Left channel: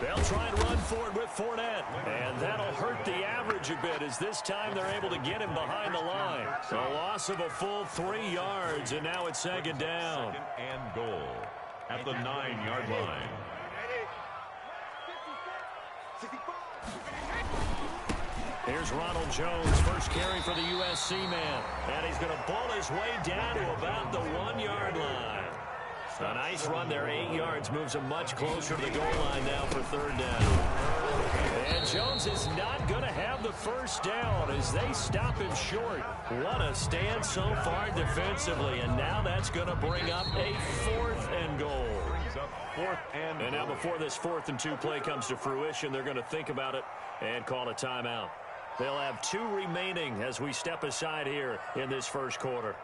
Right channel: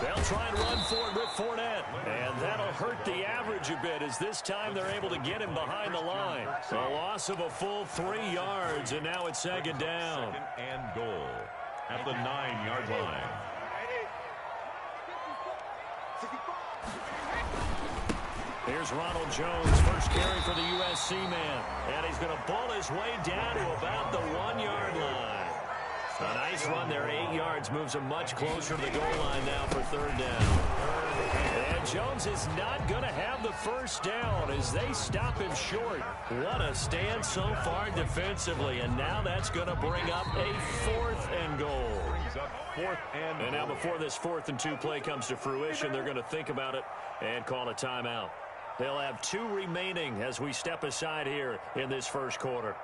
They'll try and run forward with Fournette, and that'll hurt the average a bit as this time they're able to get him behind the line. A loss of a full 3 yards, and now it's second down. Second and goal at the 9-yard line. Here's Ronald Jones, first carry for the USC man, and he's going to bull his way down to about the 1-yard line. A nice run there, 8 yards, moves him much closer to the goal line now for third down. And Jones is not going to have the first down as they stop him short. What a stand so far defensively, and now that's going to bring up a 4th and goal. And now before this 4th and 2 play comes to fruition, they're going to think about it and call a timeout. They'll have 2 remaining as we step aside here in this first quarter.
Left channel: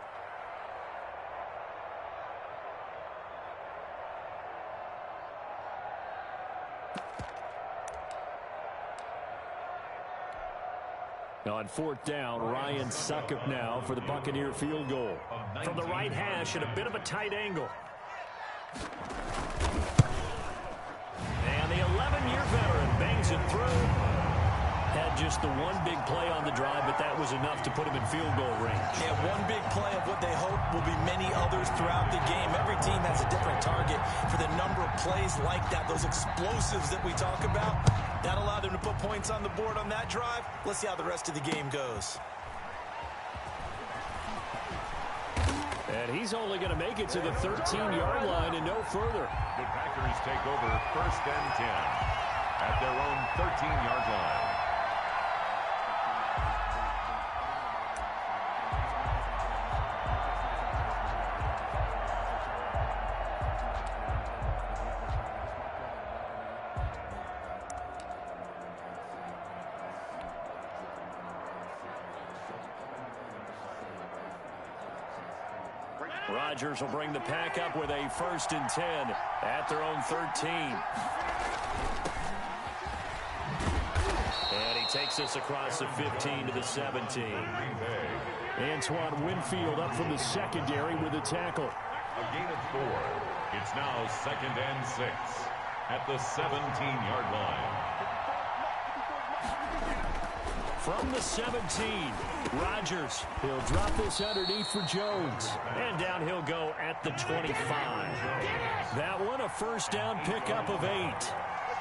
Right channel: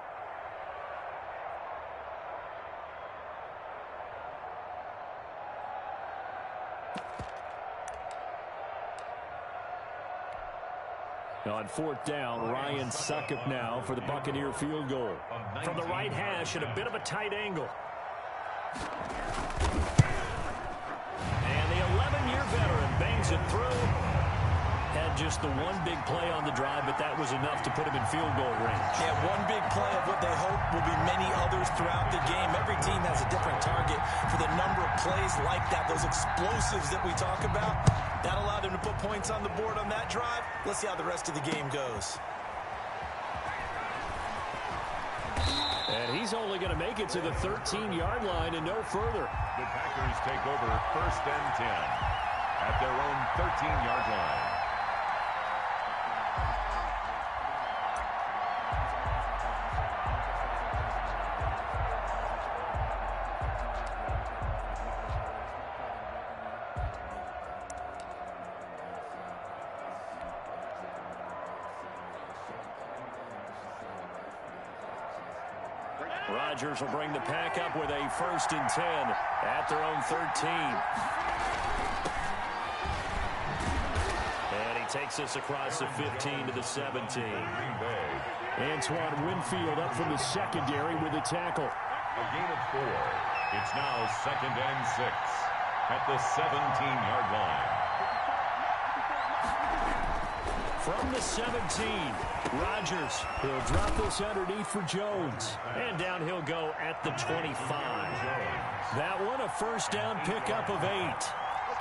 On 4th down, Ryan Succop now for the Buccaneer field goal. From the right hash at a bit of a tight angle. And the 11-year veteran bangs it through. Had just the one big play on the drive, but that was enough to put him in field goal range. Yeah, one big play of what they hope will be many others throughout the game. Every team has a different target for the number of plays like that, those explosives that we talk about. That allowed him to put points on the board on that drive. Let's see how the rest of the game goes. And he's only going to make it to the 13-yard line and no further. The Packers take over 1st and 10 at their own 13-yard line. Rodgers will bring the pack up with a 1st and 10 at their own 13. And he takes us across the 15 to the 17. Antoine Winfield up from the secondary with a tackle. A gain of 4. It's now 2nd and 6 at the 17-yard line. From the 17, Rodgers. He'll drop this underneath for Jones. And down he'll go at the 25. That one a first down pickup of 8.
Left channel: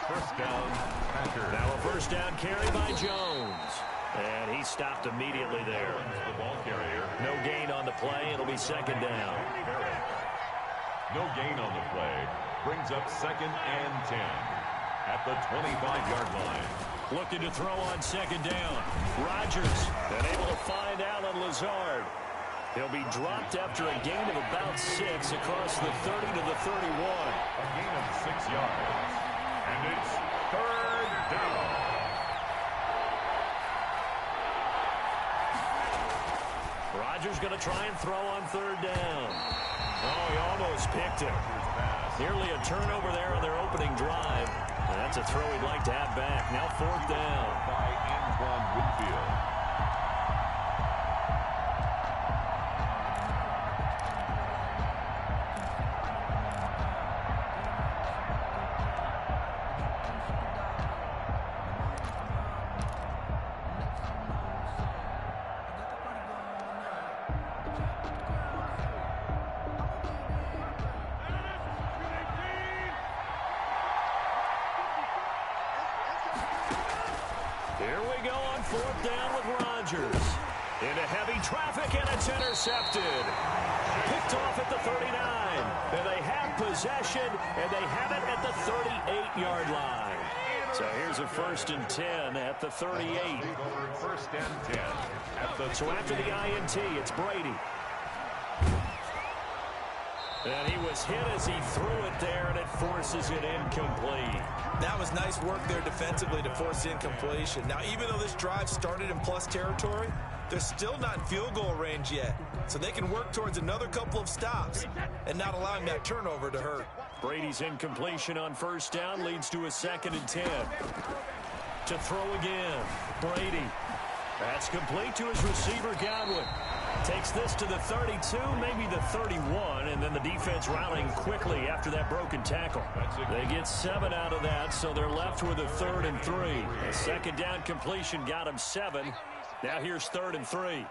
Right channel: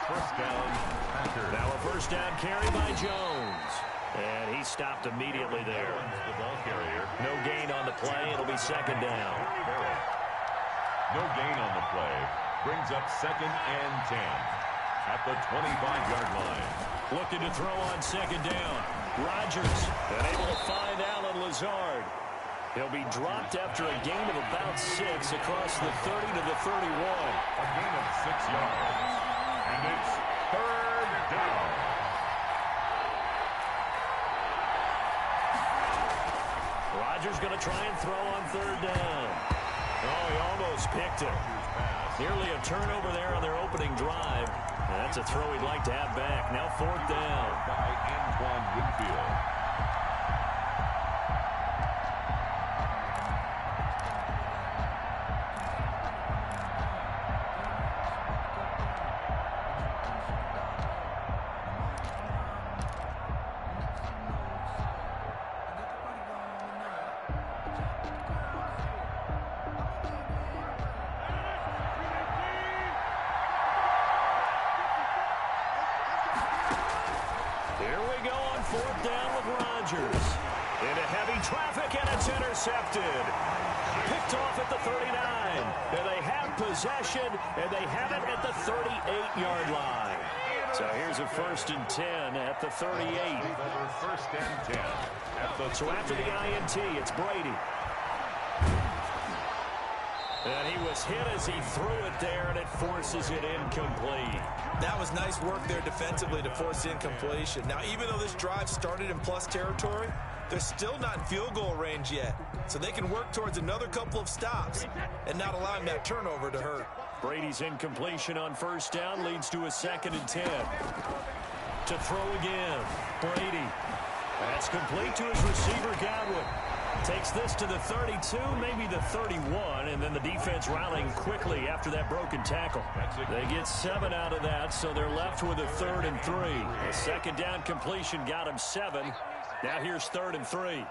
First down, Packers. Now a first down carry by Jones. And he stopped immediately there. The ball carrier. No gain on the play. It'll be second down. No gain on the play. Brings up 2nd and 10 at the 25-yard line. Looking to throw on second down. Rodgers unable to find Alan Lazard. He'll be dropped after a gain of about 6 across the 30 to the 31. A gain of 6 yards. And it's 3rd down. Rodgers going to try and throw on 3rd down. Oh, he almost picked it. Nearly a turnover there on their opening drive. That's a throw he'd like to have back. Now 4th down. By Antoine Winfield. Here we go on 4th down with Rodgers. Into heavy traffic, and it's intercepted. Picked off at the 39. And they have possession, and they have it at the 38-yard line. So here's a 1st and 10 at the 38. Over 1st and 10. So after the INT, it's Brady. And he was hit as he threw it there, and it forces it incomplete. That was nice work there defensively to force incompletion. Now, even though this drive started in plus territory, they're still not in field goal range yet. So they can work towards another couple of stops and not allowing that turnover to hurt. Brady's incompletion on 1st down leads to a 2nd and 10. To throw again, Brady. That's complete to his receiver, Godwin. Takes this to the 32, maybe the 31, and then the defense rallying quickly after that broken tackle. They get 7 out of that, so they're left with a 3rd and 3. A second down completion got them 7. Now here's 3rd and 3.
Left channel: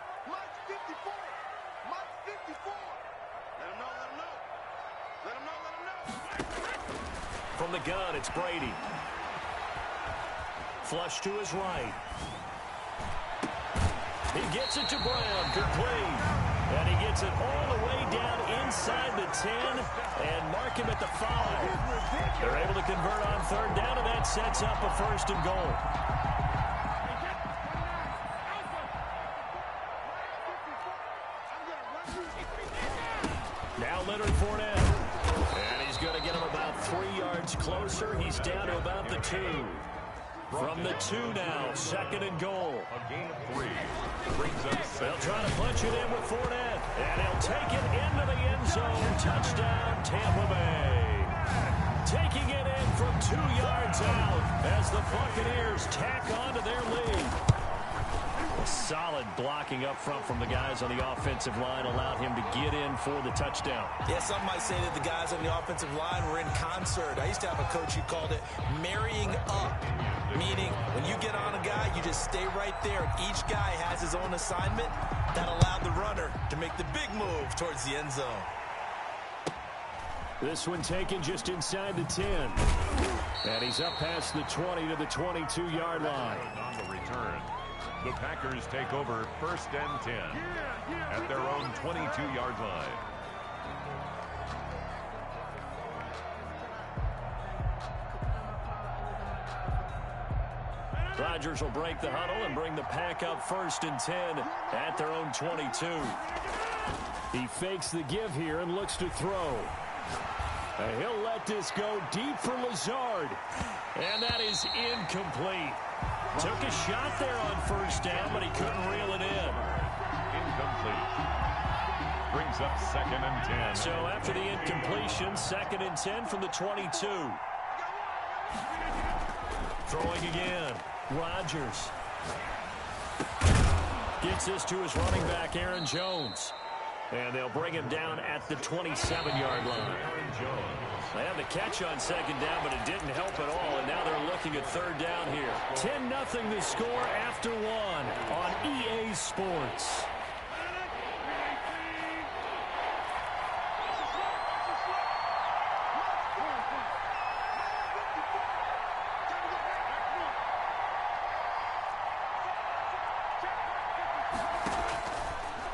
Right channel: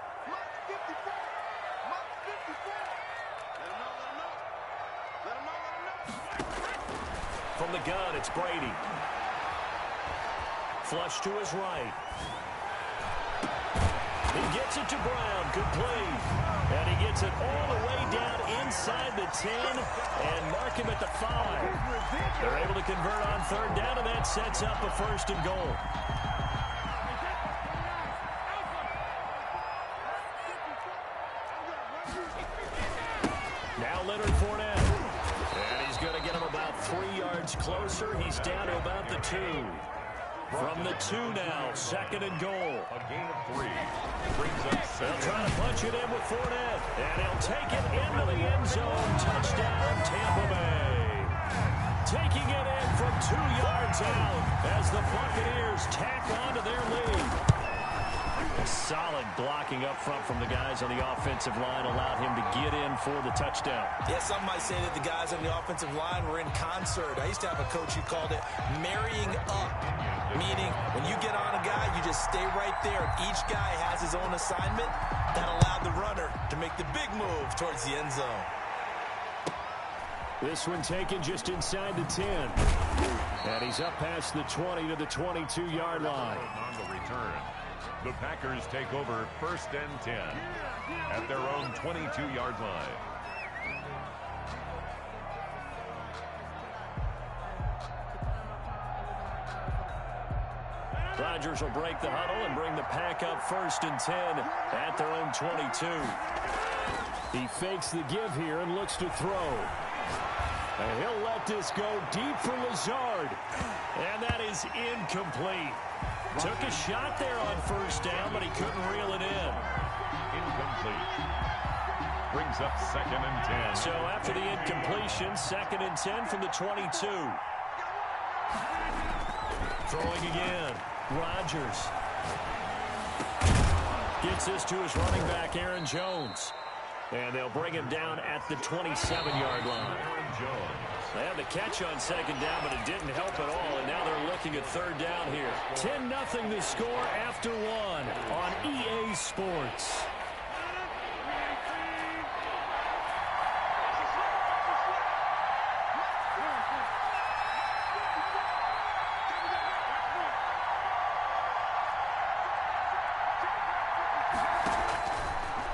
From the gun, it's Brady. Flush to his right. He gets it to Brown, complete. And he gets it all the way down inside the 10 and mark him at the 5. They're able to convert on 3rd down, and that sets up a 1st and goal. Now Leonard Fournette. And he's going to get him about 3 yards closer. He's down to about the 2. From the 2 now, 2nd and goal. A gain of 3. Brings up They'll try to punch it in with Fournette. And he'll take it into the end zone. Touchdown, Tampa Bay. Taking it in from 2 yards out as the Buccaneers tack onto their lead. A solid blocking up front from the guys on the offensive line allowed him to get in for the touchdown. Yeah, some might say that the guys on the offensive line were in concert. I used to have a coach who called it marrying up, meaning when you get on a guy, you just stay right there. And each guy has his own assignment. That allowed the runner to make the big move towards the end zone. This one taken just inside the 10. And he's up past the 20 to the 22-yard line. on the return. The Packers take over 1st and 10 at their own 22-yard line. Rodgers will break the huddle and bring the pack up 1st and 10 at their own 22. He fakes the give here and looks to throw. And he'll let this go deep for Lazard. And that is incomplete. Took a shot there on 1st down, but he couldn't reel it in. Incomplete. Brings up 2nd and 10. So after the incompletion, 2nd and 10 from the 22. Throwing again. Rodgers. Gets this to his running back, Aaron Jones. And they'll bring him down at the 27-yard line. Aaron Jones. They had the catch on 2nd down, but it didn't help at all, and now they're looking at 3rd down here. 10-0 the score after 1 on EA Sports.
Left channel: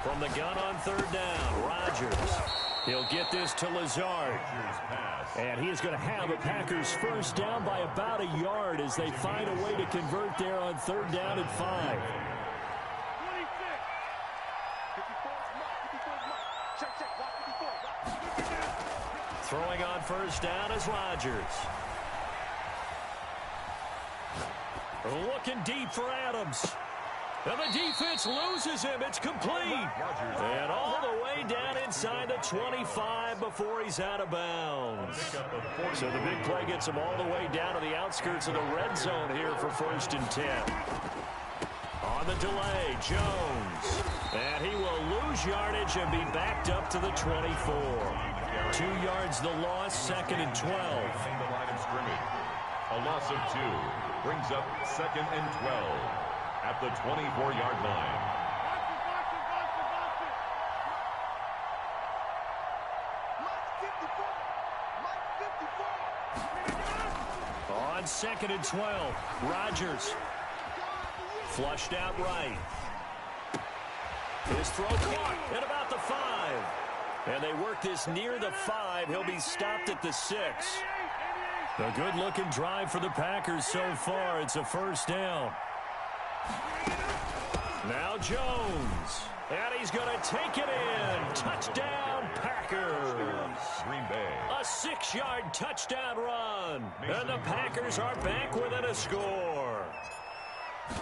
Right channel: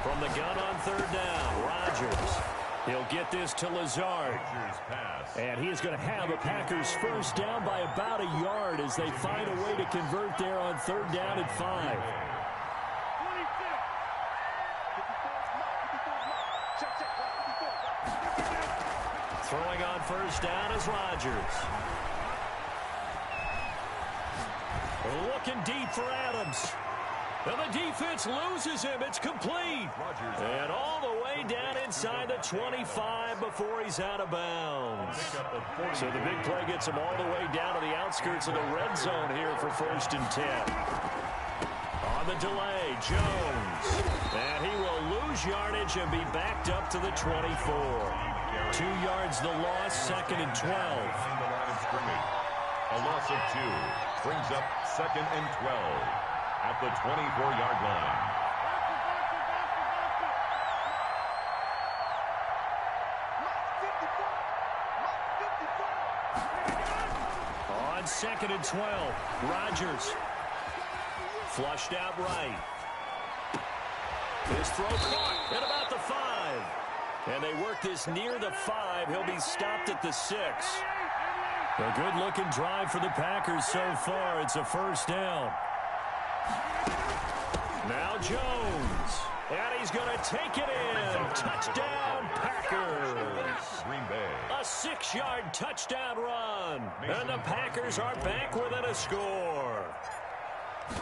From the gun on 3rd down, Rodgers. He'll get this to Lazard. And he is going to have a Packers 1st down by about a yard as they find a way to convert there on 3rd down and 5. Throwing on 1st down is Rodgers. Looking deep for Adams. And the defense loses him. It's complete. And all the way down inside the 25 before he's out of bounds. So the big play gets him all the way down to the outskirts of the red zone here for 1st and 10. On the delay, Jones. And he will lose yardage and be backed up to the 24. 2 yards the loss, 2nd and 12. The line of scrimmage. A loss of 2 brings up 2nd and 12 at the 24-yard line. On 2nd and 12, Rodgers. Flushed out right. His throw caught at about the 5. And they work this near the 5. He'll be stopped at the 6. A good-looking drive for the Packers so far. It's a 1st down. Now Jones. And he's going to take it in. Touchdown, Packers. Green Bay. A 6-yard touchdown run. And the Packers are back within a score.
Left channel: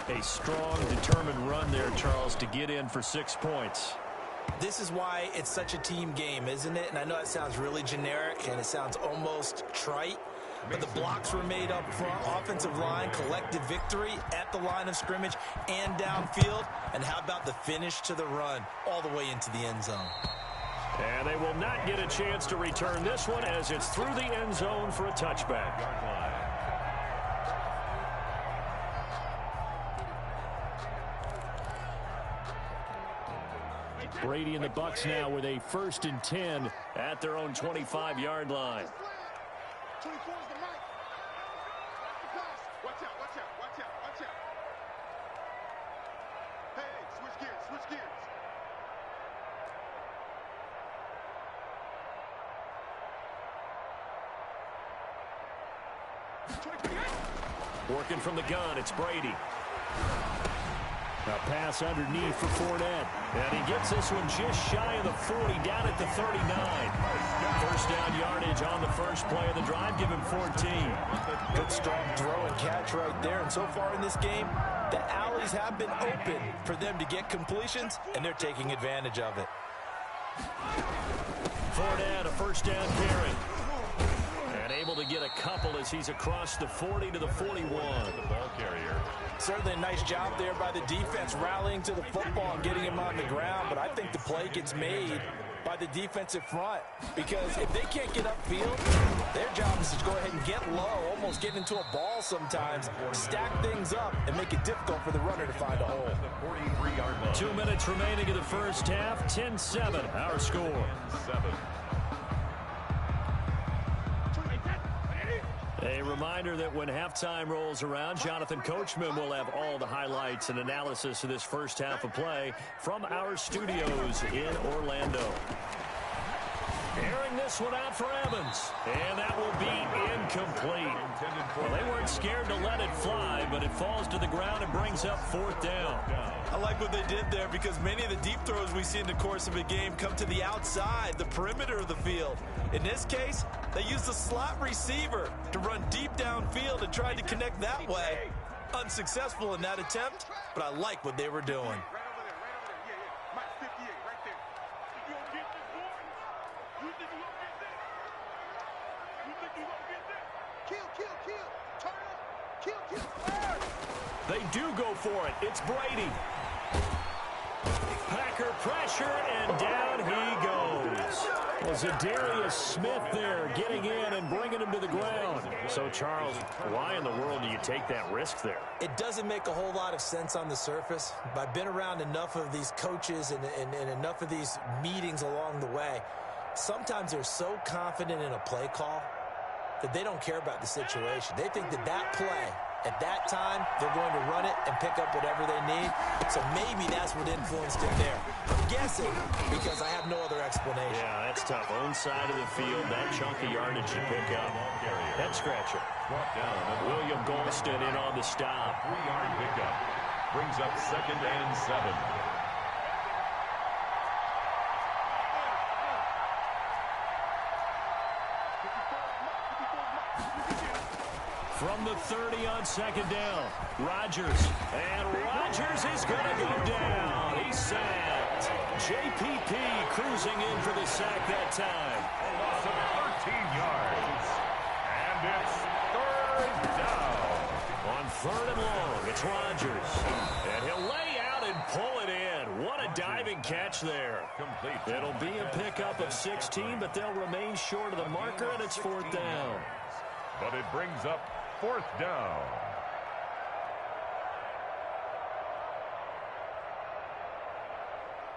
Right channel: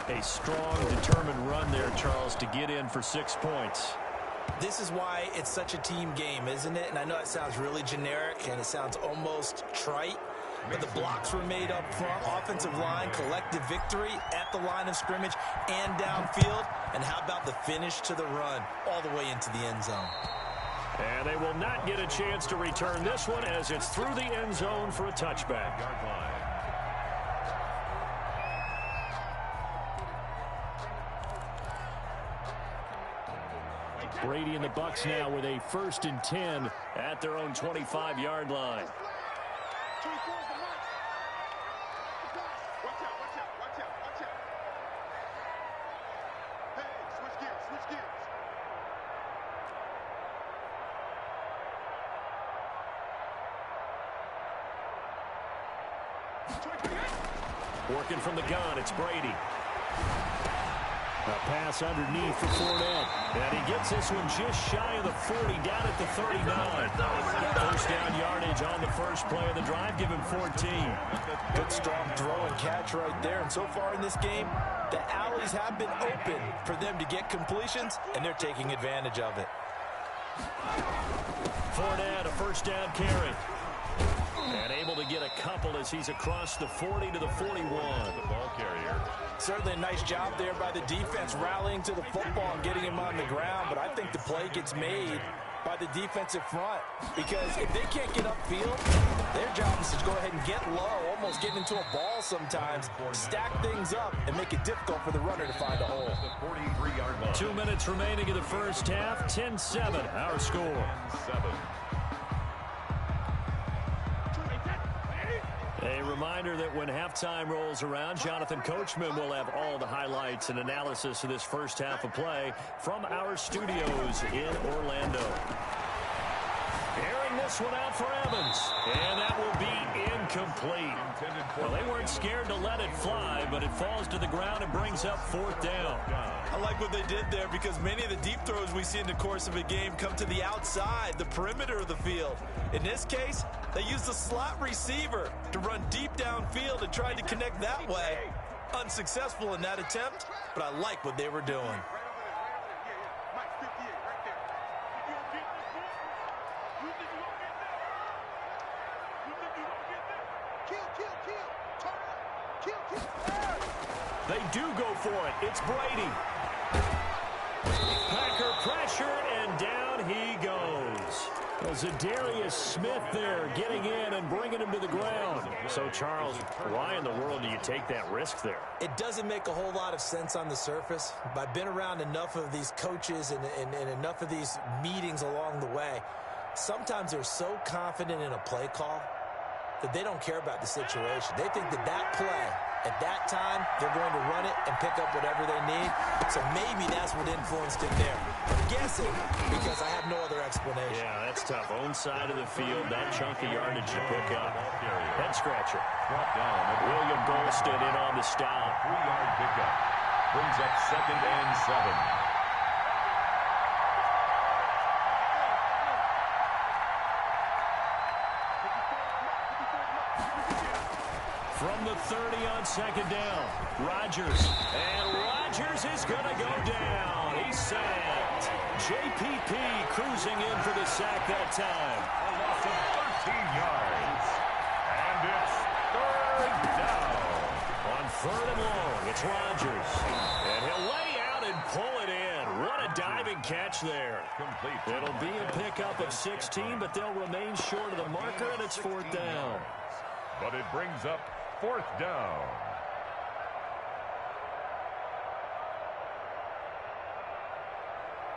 A strong, determined run there, Charles, to get in for 6 points. This is why it's such a team game, isn't it? And I know it sounds really generic and it sounds almost trite, but the blocks were made up front. Offensive line, collective victory at the line of scrimmage and downfield. And how about the finish to the run all the way into the end zone? And they will not get a chance to return this one as it's through the end zone for a touchback. Brady and the Bucs now with a 1st and 10 at their own 25-yard line. Working from the gun, it's Brady. A pass underneath for Fournette. And he gets this one just shy of the 40, down at the 39. First down yardage on the first play of the drive. Give him 14. Good strong throw and catch right there. And so far in this game, the alleys have been open for them to get completions, and they're taking advantage of it. Fournette, a first down carry. And able to get a couple as he's across the 40 to the 41. The ball carrier. Certainly a nice job there by the defense rallying to the football and getting him on the ground. But I think the play gets made by the defensive front, because if they can't get upfield, their job is to go ahead and get low, almost get into a ball sometimes, stack things up, and make it difficult for the runner to find a hole. 43-yard line. 2 minutes remaining in the first half. 10-7, our score. 7. A reminder that when halftime rolls around, Jonathan Coachman will have all the highlights and analysis of this first half of play from our studios in Orlando. Airing this one out for Evans, and that will be incomplete. Well, they weren't scared to let it fly, but it falls to the ground and brings up 4th down. I like what they did there, because many of the deep throws we see in the course of a game come to the outside, the perimeter of the field. In this case, they used the slot receiver to run deep downfield and tried to connect that way. Unsuccessful in that attempt, but I like what they were doing. They do go for it. It's Brady. Packer pressure, and down he goes. Well, Zadarius Smith there getting in and bringing him to the ground. So, Charles, why in the world do you take that risk there? It doesn't make a whole lot of sense on the surface. But I've been around enough of these coaches and enough of these meetings along the way. Sometimes they're so confident in a play call that they don't care about the situation. They think that that play, at that time, they're going to run it and pick up whatever they need. So maybe that's what influenced him there. I'm guessing, because I have no other explanation. Yeah, that's tough. Own side of the field, that chunk of yardage to pick up. Head scratcher. Brought down. William Golston in on the stop. 3-yard pickup. Brings up 2nd and 7. From the 30 on 2nd down, Rodgers. And Rodgers is going to go down. He's sacked. JPP cruising in for the sack that time. A loss of 13 yards. And it's 3rd down. On 3rd and long, it's Rodgers. And he'll lay out and pull it in. What a diving catch there. Complete. It'll be a pickup of 16, but they'll remain short of the marker, and it's 4th down. But it brings up 4th down.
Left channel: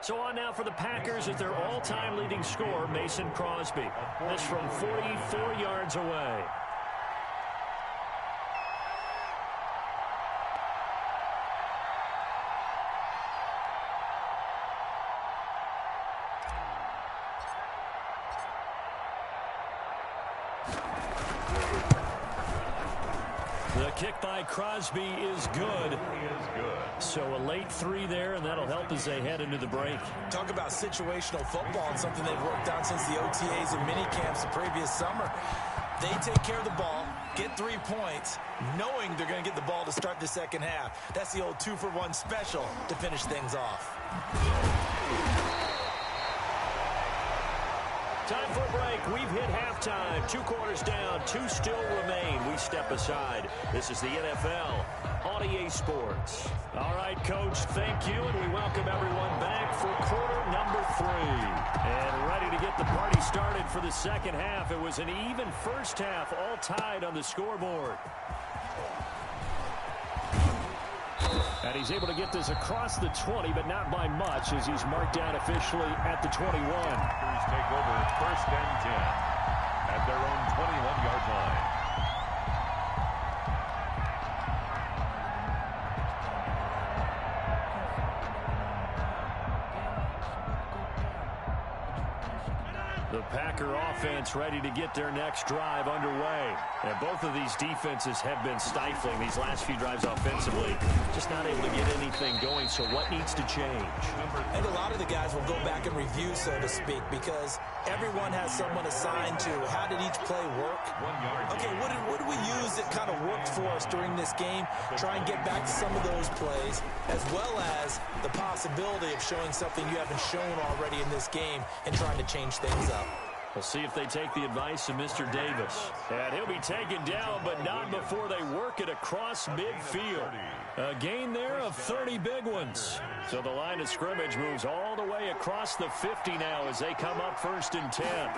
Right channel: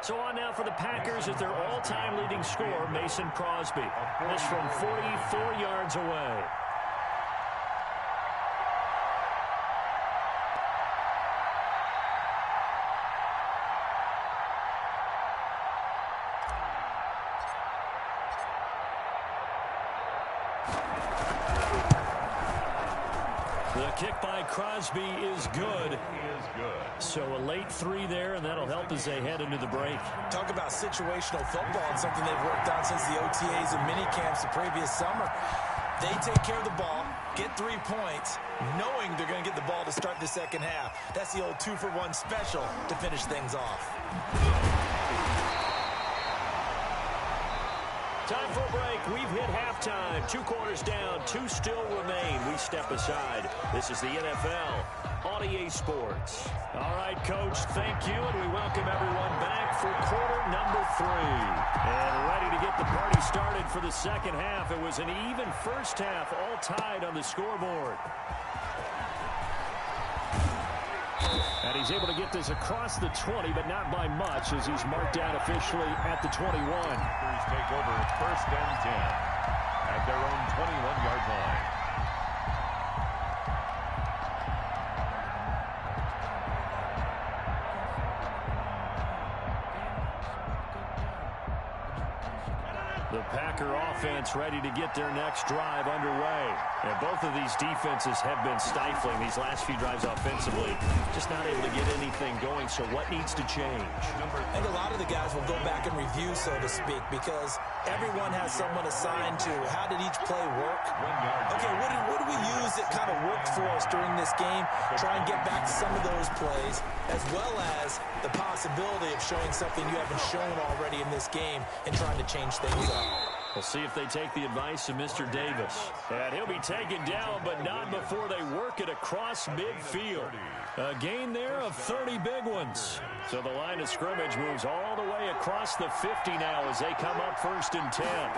So on now for the Packers as their all-time leading scorer, Mason Crosby. This from 44 yards away. The kick by Crosby is good. So a late 3 there, and that'll help as they head into the break. Talk about situational football, and something they've worked on since the OTAs and mini camps the previous summer. They take care of the ball, get 3 points, knowing they're going to get the ball to start the second half. That's the old 2-for-1 special to finish things off. Time for a break. We've hit halftime. 2 quarters down. 2 still remain. We step aside. This is the NFL on EA Sports. All right, Coach, thank you, and we welcome everyone back for quarter number 3. And ready to get the party started for the second half. It was an even first half, all tied on the scoreboard. And he's able to get this across the 20, but not by much, as he's marked down officially at the 21. Packers take over 1st and 10 at their own 21-yard line. The Packer offense ready to get their next drive underway. And both of these defenses have been stifling these last few drives offensively. Just not able to get anything going, so what needs to change? I think a lot of the guys will go back and review, so to speak, because everyone has someone assigned to how did each play work. Okay, what did we use that kind of worked for us during this game? Try and get back to some of those plays, as well as the possibility of showing something you haven't shown already in this game and trying to change things up. We'll see if they take the advice of Mr. Davis. And he'll be taken down, but not before they work it across midfield. A gain there of 30 big ones. So the line of scrimmage moves all the way across the 50 now as they come up 1st and 10.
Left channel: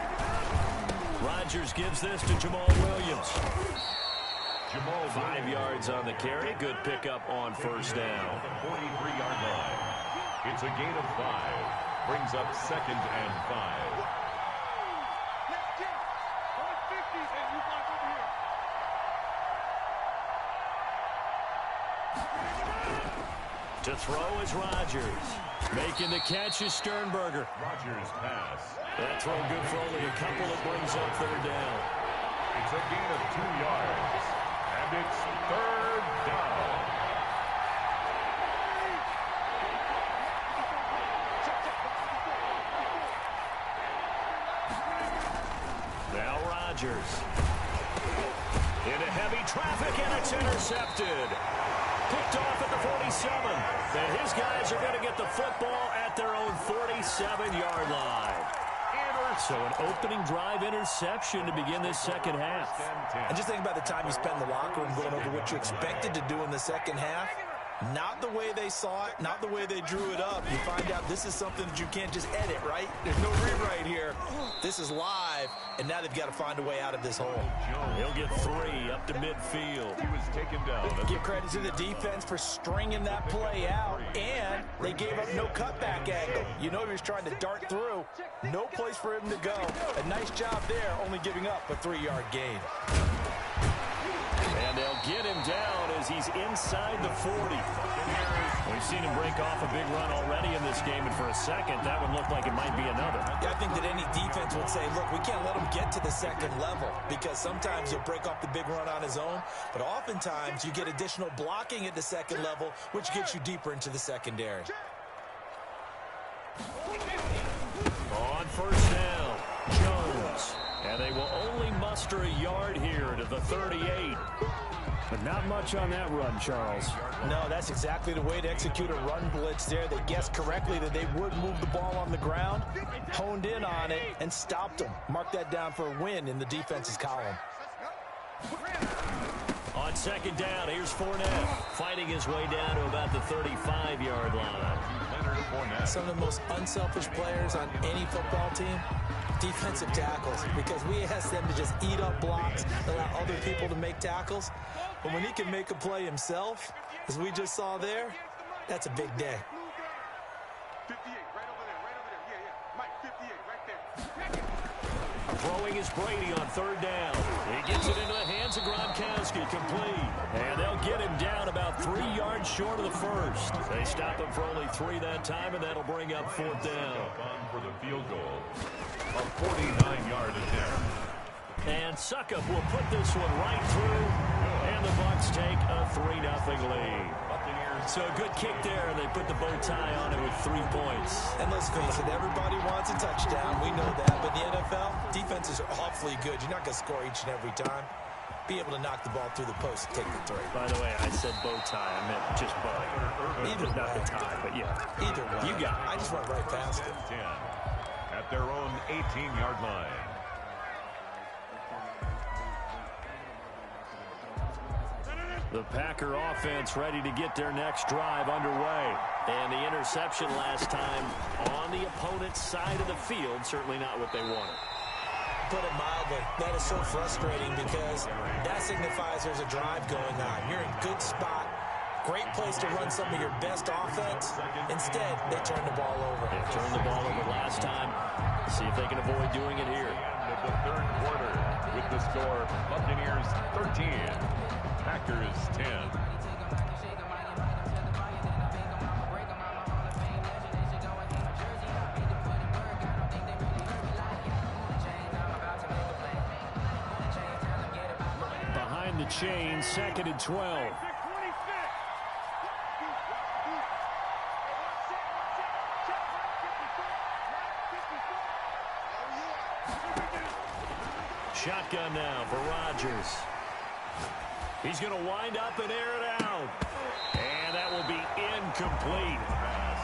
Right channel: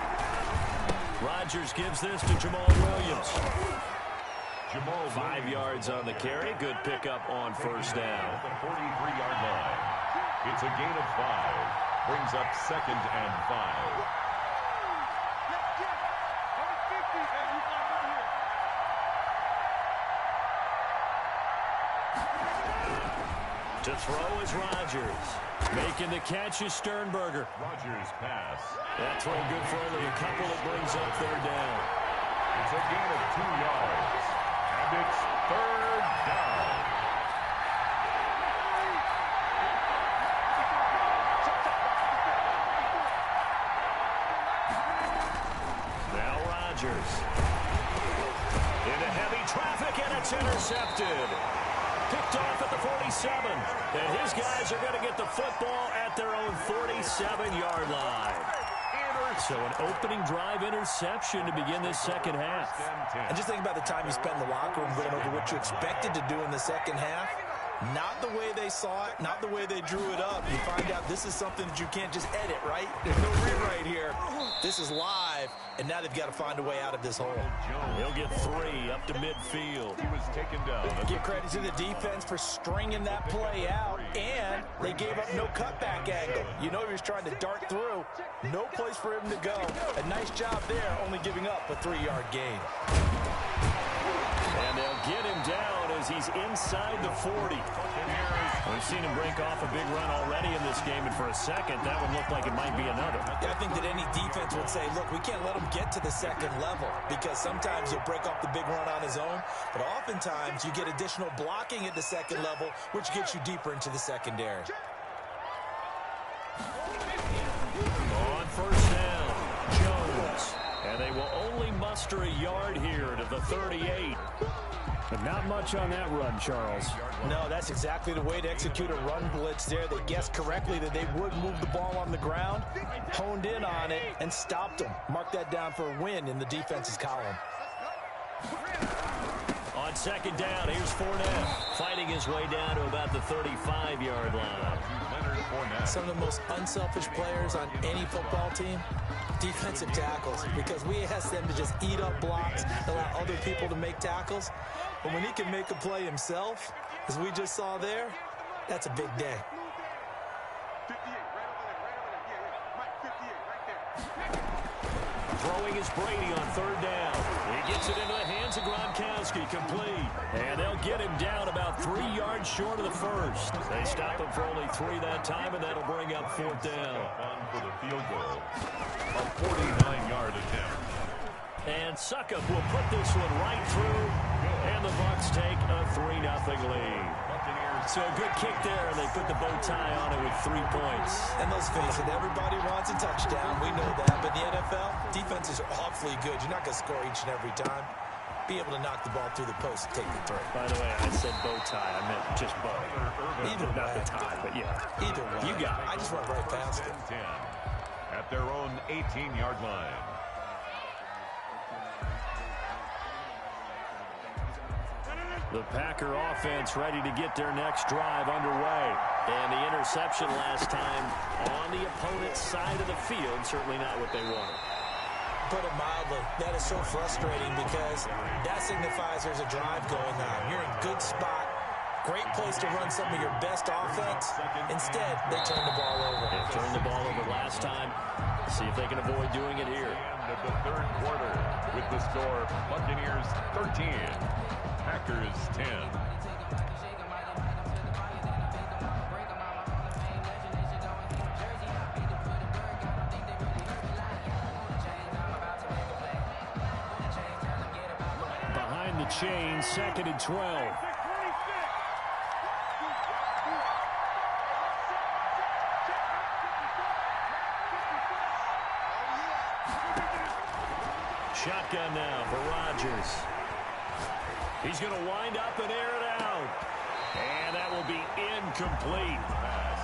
Rodgers gives this to Jamal Williams. 5 yards on the carry. Good pickup on 1st down. The 43-yard line. It's a gain of 5. Brings up 2nd and 5. To throw is Rodgers. Making the catch is Sternberger. Rodgers pass. That throw good for only a couple. It brings up 3rd down. It's a gain of 2 yards. And it's 3rd down. Now Rodgers. Into heavy traffic, and it's intercepted. Picked off at the 47. And his guys are going to get the football at their own 47-yard line. So an opening drive interception to begin this second half. And just think about the time you spent in the locker room going over what you expected to do in the second half. Not the way they saw it, not the way they drew it up. You find out this is something that you can't just edit, right? There's no rewrite here. This is live, and now they've got to find a way out of this hole. He'll get 3 up to midfield. He was taken down. Give credit to the defense for stringing that play out, and they gave up no cutback angle. You know he was trying to dart through. No place for him to go. A nice job there, only giving up a 3-yard gain. And they'll get him down as he's inside the 40. We've seen him break off a big run already in this game, and for a second, that one looked like it might be another. Yeah, I think that any defense would say, look, we can't let him get to the second level, because sometimes he'll break off the big run on his own, but oftentimes you get additional blocking at the second level, which gets you deeper into the secondary. On 1st down, Jones. And they will only muster a yard here to the 38. But not much on that run, Charles. No, that's exactly the way to execute a run blitz there. They guessed correctly that they would move the ball on the ground, honed in on it, and stopped them. Mark that down for a win in the defense's column. On 2nd down, here's Fournette, fighting his way down to about the 35-yard line. Some of the most unselfish players on any football team, defensive tackles, because we ask them to just eat up blocks, allow other people to make tackles. But when he can make a play himself, as we just saw there, that's a big day. 58, right over there. Yeah. Mike, 58, right there. Throwing is Brady on 3rd down. He gets it into the hands of Gronkowski, complete. And they'll get him down about 3 yards short of the first. They stop him for only 3 that time, and that'll bring up 4th down. On for the field goal. A 49-yard attempt. And Suckup will put this one right through. And the Bucs take a 3-0 lead. So a good kick there, and they put the bow tie on it with 3 points. And let's face it, everybody wants a touchdown. We know that. But in the NFL, defenses are awfully good. You're not going to score each and every time. Be able to knock the ball through the post and take the 3. By the way, I said bow tie. I meant just bow. Either not way. the tie, but yeah. Either way. You got it. I just went right past it. at their own 18-yard line. The Packer offense ready to get their next drive underway. And the interception last time on the opponent's side of the field, certainly not what they wanted. Put it mildly, that is so frustrating because that signifies there's a drive going on. You're in good spot, great place to run some of your best offense. Instead, they turn the ball over. They turned the ball over last time. See if they can avoid doing it here. End of the third quarter with the score Buccaneers 13, Packers 10. Behind the chain, 2nd and 12. Shotgun now for Rodgers. He's going to wind up and air it out. And that will be incomplete.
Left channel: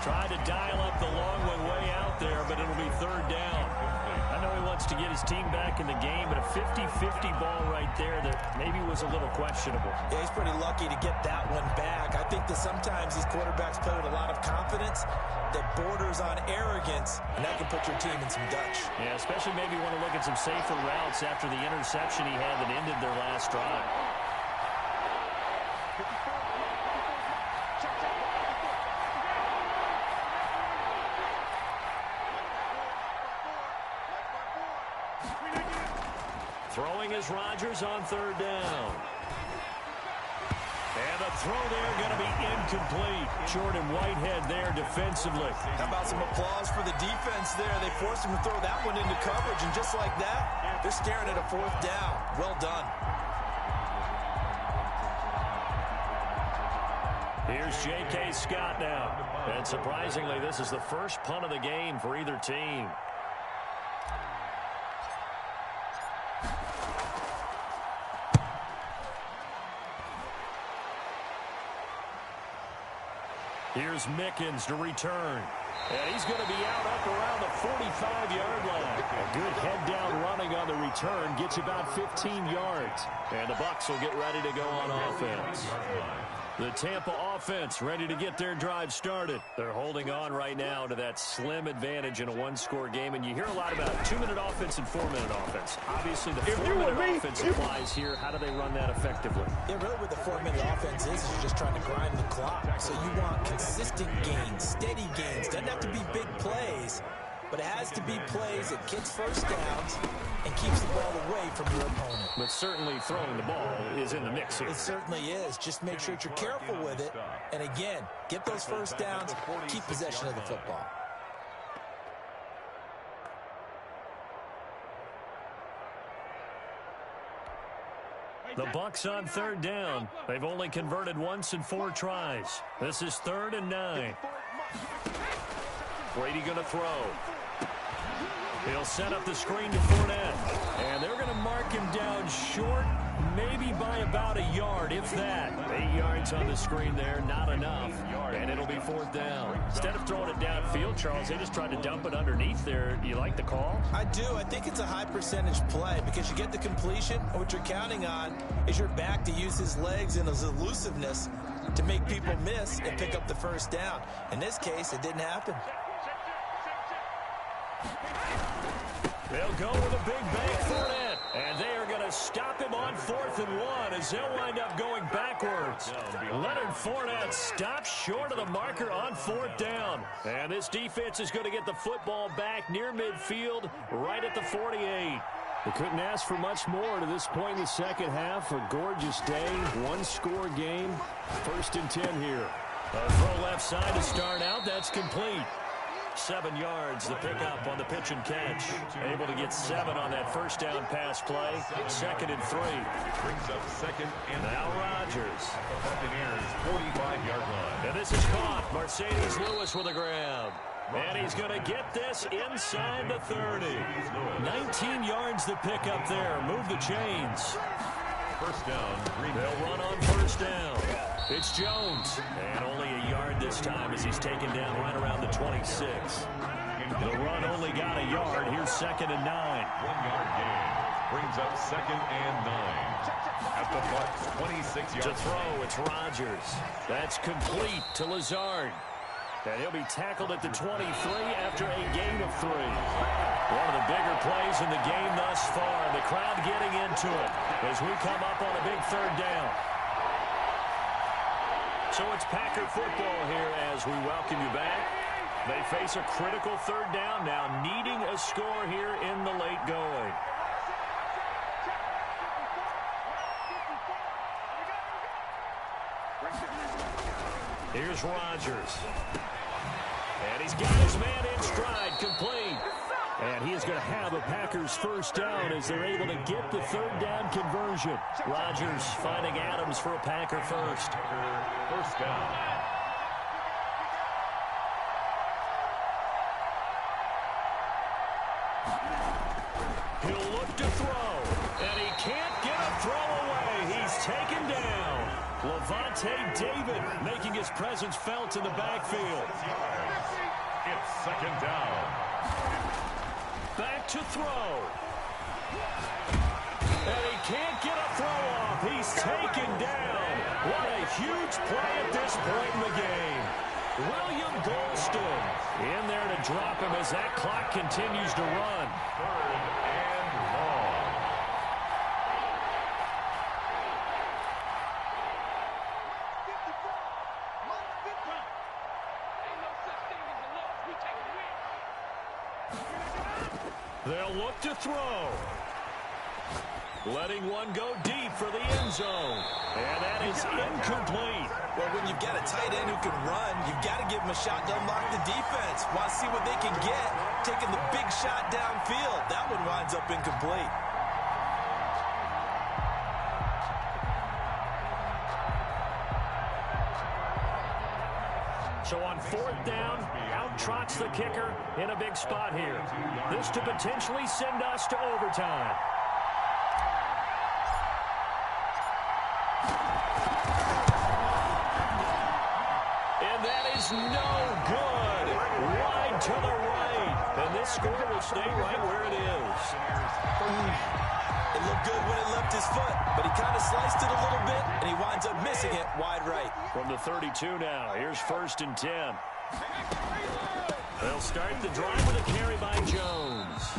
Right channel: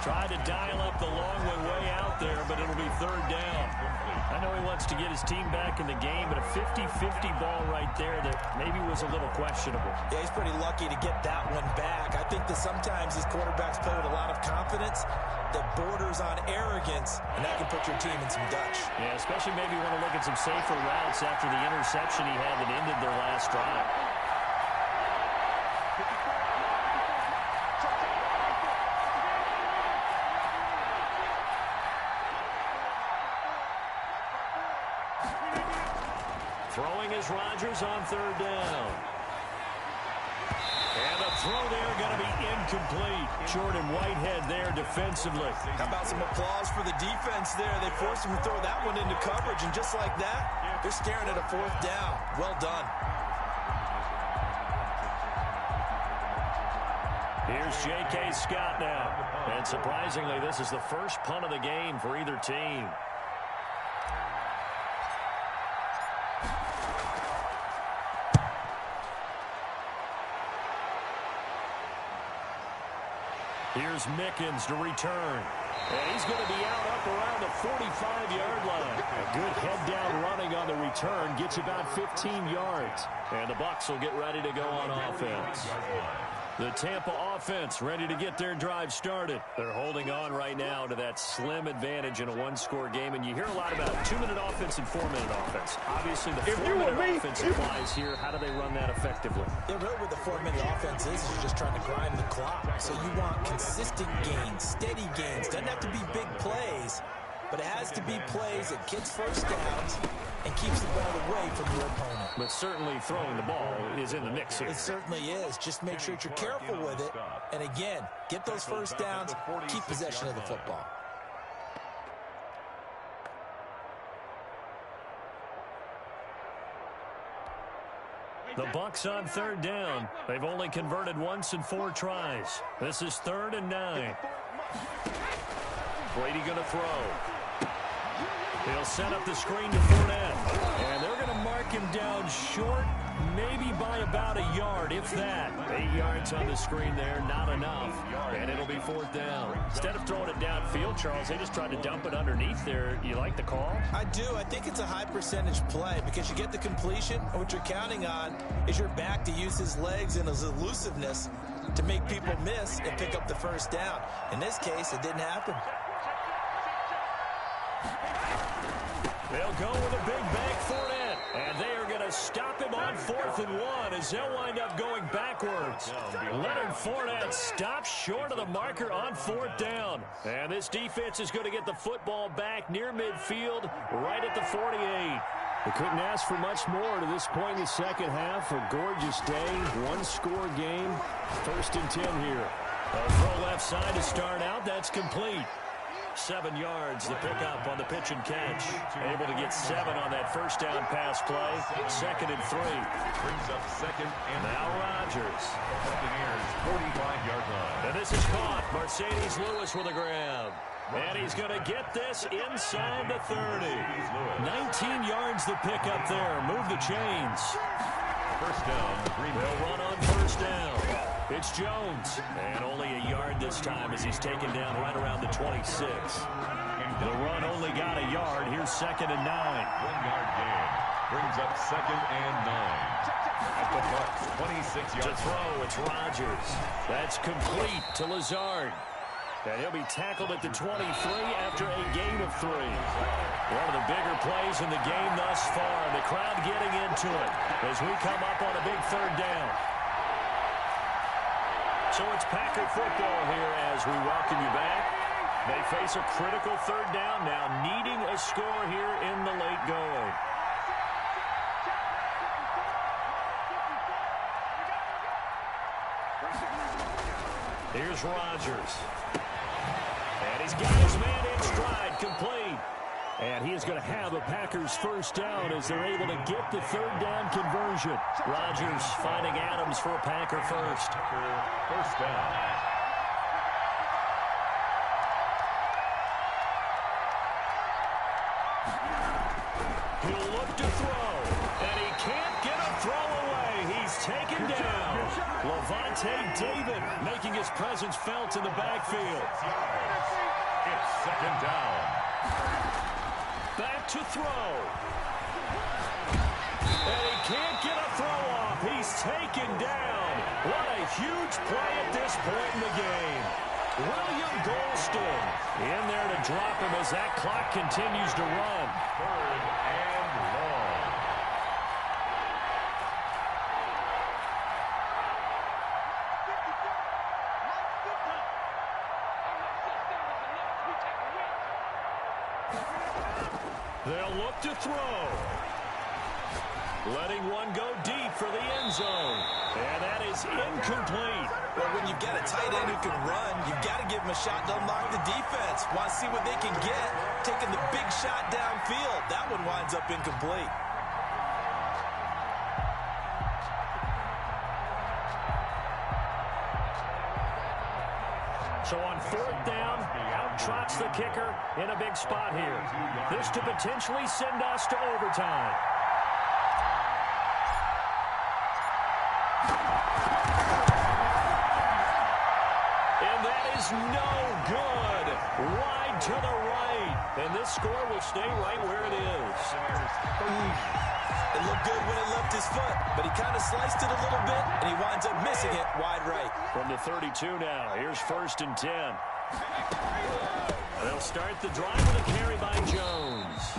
Tried to dial up the long one way out there, but it'll be 3rd down. I know he wants to get his team back in the game, but a 50-50 ball right there that maybe was a little questionable. Yeah, he's pretty lucky to get that one back. I think that sometimes these quarterbacks play with a lot of confidence that borders on arrogance, and that can put your team in some Dutch. Yeah, especially maybe want to look at some safer routes after the interception he had that ended their last drive. Throwing is Rodgers on 3rd down. And the throw there going to be incomplete. Jordan Whitehead there defensively. How about some applause for the defense there? They forced him to throw that one into coverage, and just like that, they're staring at a 4th down. Well done. Here's J.K. Scott now. And surprisingly, this is the first punt of the game for either team. Here's Mickens to return. And he's going to be up around the 45-yard line. A good head-down running on the return gets about 15 yards. And the Bucs will get ready to go on offense. The Tampa offense ready to get their drive started. They're holding on right now to that slim advantage in a one-score game. And you hear a lot about 2-minute offense and 4-minute offense. Obviously, the 4-minute offense applies here. How do they run that effectively? Yeah, really what the 4-minute offense is you're just trying to grind the clock. So you want consistent gains, steady gains. Doesn't have to be big plays, but it has to be plays that gets first downs and keeps the ball away from your opponent. But certainly throwing the ball is in the mix here. It certainly is. Just make sure that you're careful with it. And again, get those first downs, keep possession of the football. The Bucs on 3rd down. They've only converted once in 4 tries. This is 3rd and 9. Brady going to throw. He'll set up the screen to Fournette. And they're going to mark him down short, maybe by about a yard, if that. 8 yards on the screen there, not enough. And it'll be 4th down. Instead of throwing it downfield, Charles, they just tried to dump it underneath there. You like the call? I do. I think it's a high percentage play because you get the completion. And what you're counting on is your back to use his legs and his elusiveness to make people miss and pick up the first down. In this case, it didn't happen. They'll go with a big bank Fournette. And they are going to stop him on 4th and 1 as they'll wind up going backwards. Leonard Fournette stops short of the marker on 4th down. And this defense is going to get the football back near midfield, right at the 48. They couldn't ask for much more to this point in the second half. A gorgeous day, one-score game. 1st and 10 here. A throw left side to start out. That's complete. 7 yards, the pickup on the pitch and catch. Able to get 7 on that first down pass play. 2nd and 3. Brings up 2nd and now Rodgers. Buccaneers 45-yard line. And this is caught. Mercedes Lewis with a grab. And he's going to get this inside the 30. 19 yards the pickup there. Move the chains. First down. They'll run on first down. It's Jones. And only a yard this time as he's taken down right around the 26. The run only got a yard. Here's 2nd and 9. 1-yard gain. Brings up 2nd and 9. At the Bucs' 26-yard To throw, it's Rodgers. That's complete to Lazard. And he'll be tackled at the 23 after a gain of 3. One of the bigger plays in the game thus far. The crowd getting into it as we come up on a big 3rd down. So it's Packer football here as we welcome you back. They face a critical 3rd down now, needing a score here in the late going. Here's Rodgers. And he's got his man in stride, complete. And he is going to have a Packers 1st down as they're able to get the 3rd down conversion. Rodgers finding Adams for a Packer 1st. 1st down. He'll look to throw, and he can't get a throw away. He's taken down. Levante David making his presence felt in the backfield. It's 2nd down. Back to throw. And he can't get a throw off. He's taken down. What a huge play at this point in the game. William Golston in there to drop him as that clock continues to run. 3rd and long. They'll look to throw. Letting one go deep for the end zone. And that is incomplete. Well, when you've got a tight end who can run, you've got to give him a shot to unlock the defense. Want to see what they can get. Taking the big shot downfield. That one winds up incomplete. So on 4th down, out trots the kicker in a big spot here. This to potentially send us to overtime. And that is no good. Wide to the right. And this score will stay right where it is. It looked good when it left his foot, but he kind of sliced it a little bit, and he winds up missing it wide right. From the 32 now, here's 1st and 10. They'll start the drive with a carry by Jones.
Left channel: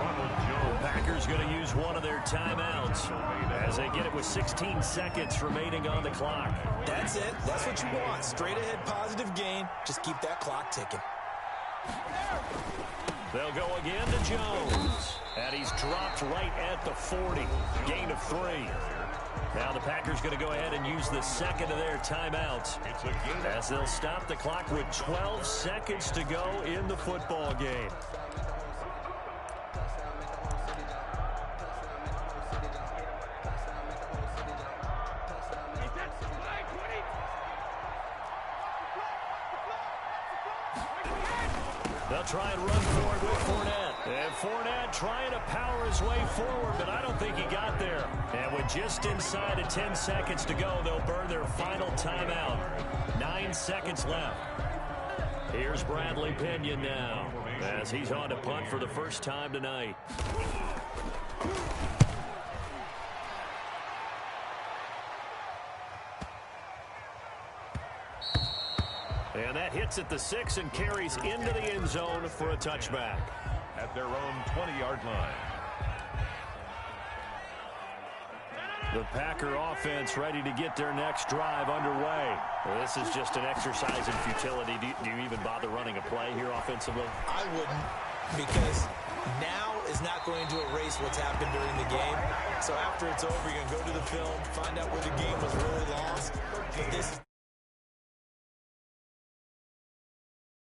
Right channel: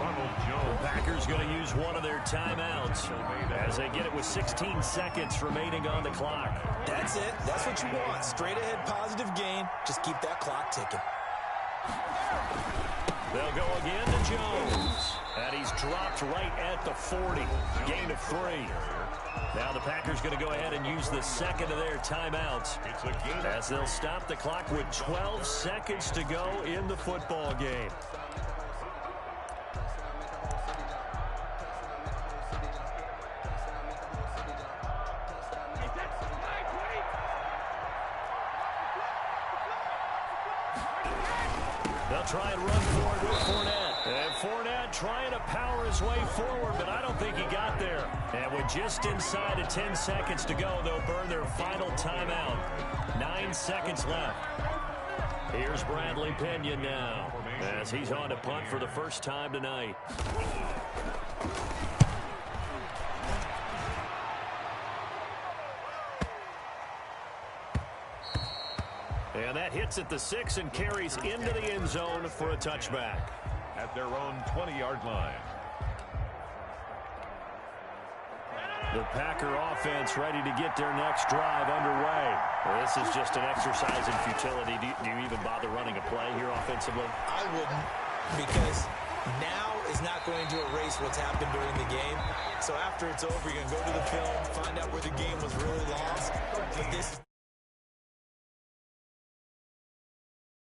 Ronald Jones. Packers going to use one of their timeouts as they get it with 16 seconds remaining on the clock. That's it. That's what you want. Straight ahead positive gain. Just keep that clock ticking. They'll go again to Jones. And he's dropped right at the 40. Gain of 3. Now the Packers going to go ahead and use the 2nd of their timeouts as they'll stop the clock with 12 seconds to go in the football game. They'll try and run forward with Fournette. And Fournette trying to power his way forward, but I don't think he got there. And with just inside of 10 seconds to go, they'll burn their final timeout. 9 seconds left. Here's Bradley Pinion now as he's on to punt for the first time tonight. And that hits at the 6 and carries into the end zone for a touchback. At their own 20-yard line. The Packer offense ready to get their next drive underway. This is just an exercise in futility. Do you even bother running a play here offensively? I wouldn't, because now is not going to erase what's happened during the game. So after it's over, you're going to go to the film, find out where the game was really lost. But this